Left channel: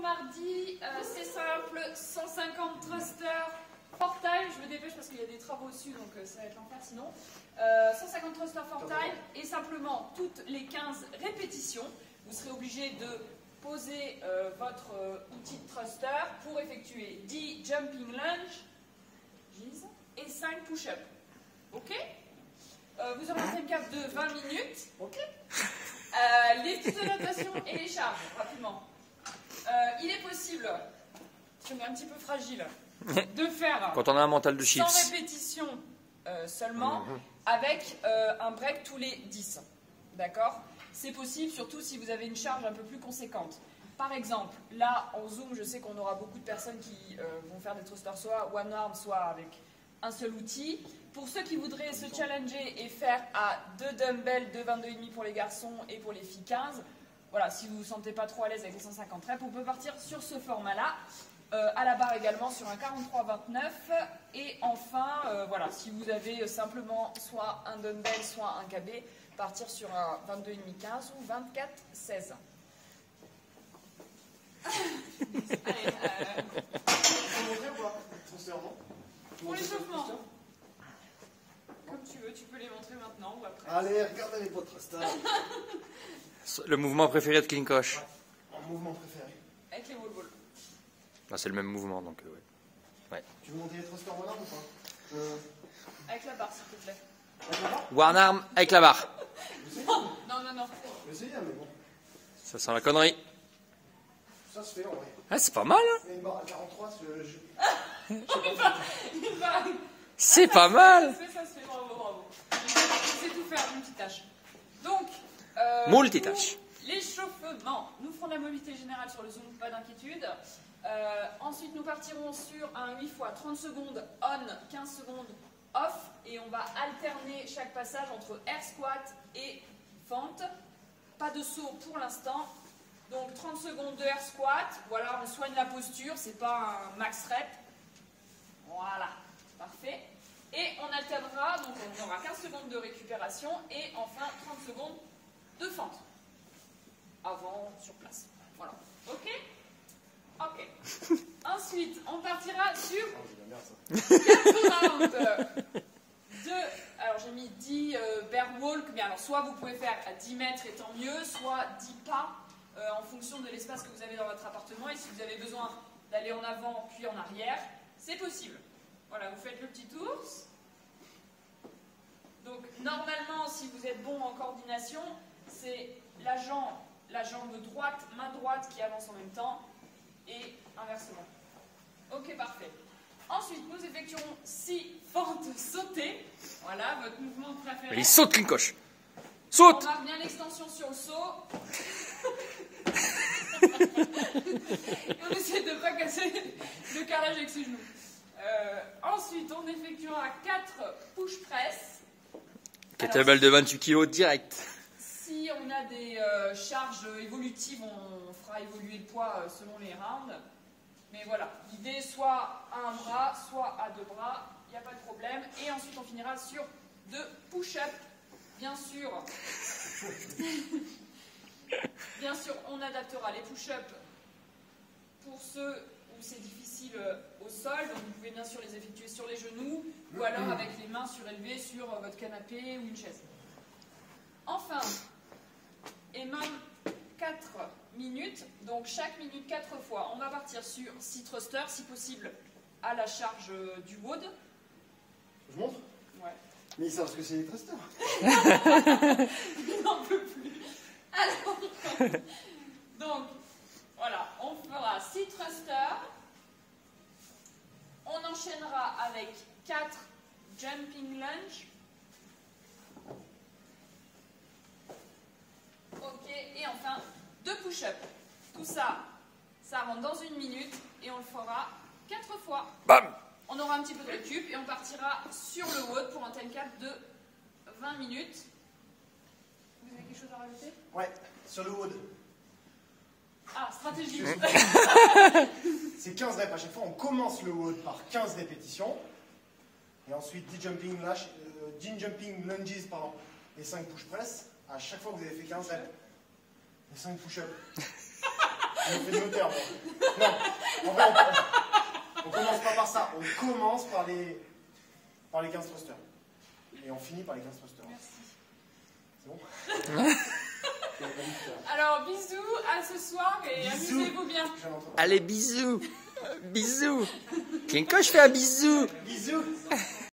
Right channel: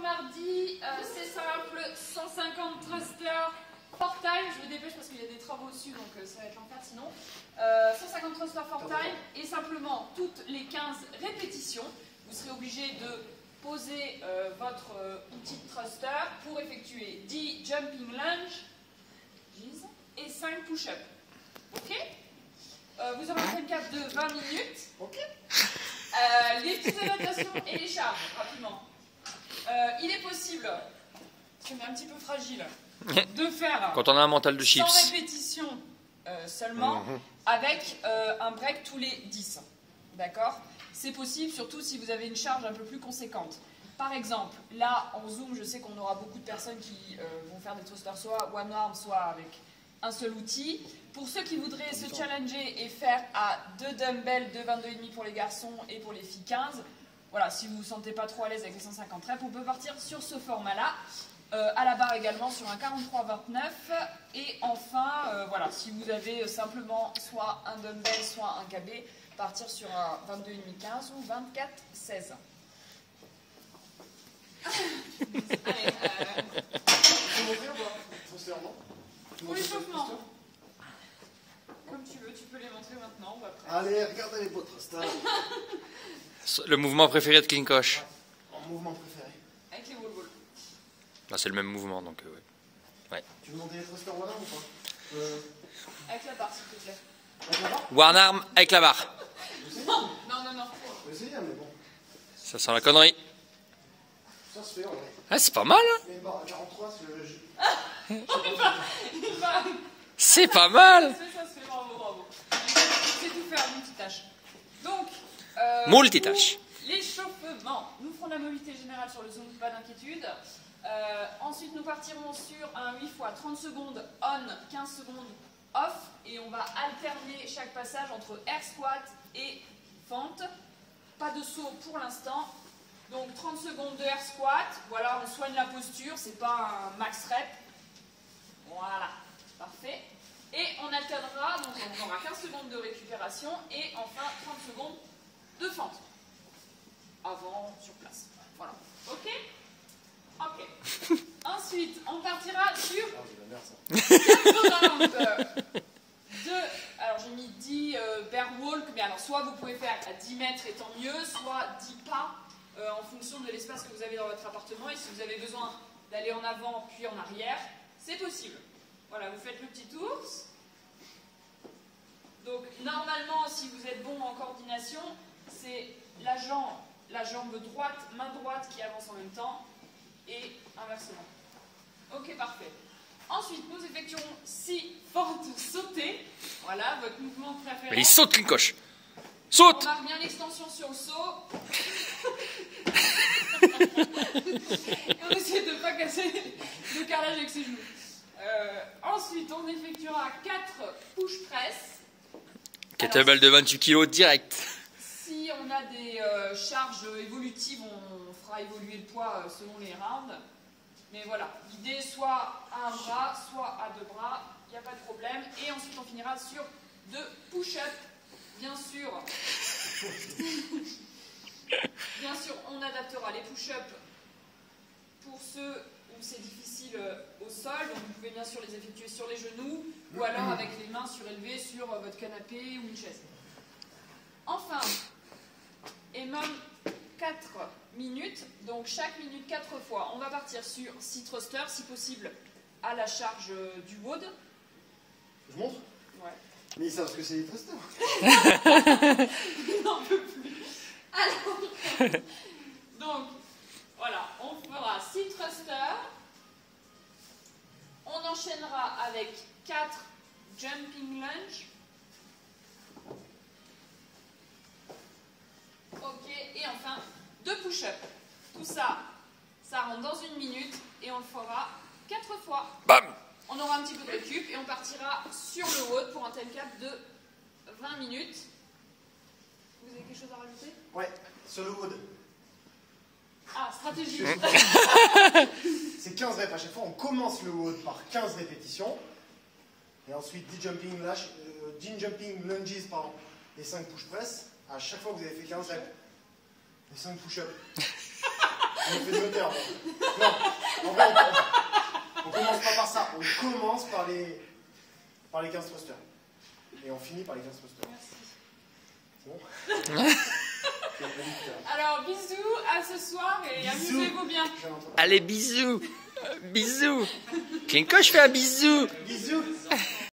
mardi, c'est simple, 150 thrusters for time. Je me dépêche parce qu'il y a des travaux dessus, donc ça va être l'enfer sinon. 150 thrusters for time et simplement toutes les 15 répétitions, vous serez obligé de poser votre outil de thruster pour effectuer 10 jumping lunges et 5 push-ups. Ok? Vous aurez un time cap de 20 minutes. Ok. Les petites annotations et les charges, rapidement. Il est possible, parce qu'on est un petit peu fragile, de faire quand on a un mental de 100 chips. répétitions seulement, avec un break tous les 10. D'accord? C'est possible, surtout si vous avez une charge un peu plus conséquente. Par exemple, là, en Zoom, je sais qu'on aura beaucoup de personnes qui vont faire des thrusters soit one arm, soit avec un seul outil. Pour ceux qui voudraient se challenger et faire à 2 dumbbells de 22,5 pour les garçons et pour les filles 15, voilà, si vous ne vous sentez pas trop à l'aise avec les 150 reps, on peut partir sur ce format-là. À la barre également sur un 43-29. Et enfin, voilà, si vous avez simplement soit un dumbbell, soit un KB, partir sur un 22,5-15 ou 24-16. Pour l'échauffement. Comme tu veux, tu peux les montrer maintenant ou après. Allez, regardez les potes thrusters. Le mouvement préféré de Klinkosh. Mon mouvement préféré. Avec les wall balls. Ah, c'est le même mouvement, donc ouais. Tu veux monter les thrusters one arm ou pas Avec la barre, s'il te plaît. Avec la barre? One arm avec la barre. Non. Je vais essayer, mais bon. Ça sent la connerie. Ça se fait, ouais. Ah, c'est pas mal, hein. Je mets une barre à 43, C'est pas mal. Ça se fait, bravo. Je sais tout faire, multitâche. Donc, Multitâche. pour l'échauffement, nous ferons la mobilité générale sur le zoom, pas d'inquiétude. Ensuite, nous partirons sur un 8 fois 30 secondes on, 15 secondes off. Et on va alterner chaque passage entre air squat et fente. Pas de saut pour l'instant. Donc 30 secondes de air squat. Voilà, on soigne la posture, c'est pas un max rep. Voilà, parfait. Et on alternera, donc on aura 15 secondes de récupération et enfin 30 secondes de fente. Avant, sur place. Voilà. Ok? Ok. Ensuite, on partira sur 4 rounds alors j'ai mis 10 bear walk, mais alors soit vous pouvez faire à 10 mètres et tant mieux, soit 10 pas en fonction de l'espace que vous avez dans votre appartement. Et si vous avez besoin d'aller en avant puis en arrière, c'est possible. Voilà, vous faites le petit ours. Donc normalement, si vous êtes bon en coordination, c'est la jambe droite, main droite qui avance en même temps et inversement. Ok, parfait. Ensuite, nous effectuerons 6 fentes sautées. Voilà, votre mouvement préféré. Mais il saute, Klinkosh. Saute. On marque bien l'extension sur le saut. Et on essaie de ne pas casser le carrelage avec ses genoux. Ensuite, on effectuera 4 push press. Kettlebell de 28 kg direct. Si on a des charges évolutives, on fera évoluer le poids selon les rounds. Mais voilà, l'idée soit à un bras, soit à 2 bras, il n'y a pas de problème. Et ensuite, on finira sur 2 push-ups. Bien sûr, on adaptera les push-ups pour ceux où c'est difficile au sol. Donc vous pouvez bien sûr les effectuer sur les genoux ou alors avec les mains surélevées sur votre canapé ou une chaise. Enfin, EMOM 4 minutes, donc chaque minute 4 fois. On va partir sur 6 thrusters, si possible, à la charge du WOD. Je montre? Ouais. Mais ils savent ce que c'est les thrusters. Il n'en peut plus. Alors, donc, voilà, on fera 6 thrusters. On enchaînera avec 4 jumping lunge. Ok, et enfin 2 push-ups. Tout ça, ça rentre dans 1 minute et on le fera 4 fois. Bam. On aura un petit peu de récup et on partira sur le WOD pour un time cap de 20 minutes. Vous avez quelque chose à rajouter? Ouais, sur le wood. Ah, stratégie. C'est 15 reps à chaque fois. On commence le WOD par 15 répétitions. Et ensuite 10 jumping lunges et 5 push press. À chaque fois que vous avez fait 15 reps. Et 5 push-ups. Ça me fait de l'auteur. Non, en vrai, on commence pas par ça. On commence par les 15 thrusters. Et on finit par les 15 thrusters. Merci. C'est bon? Alors, bisous, à ce soir et amusez-vous bien. Allez, bisous. Bisous. Kenko, je fais un bisou. Bisous.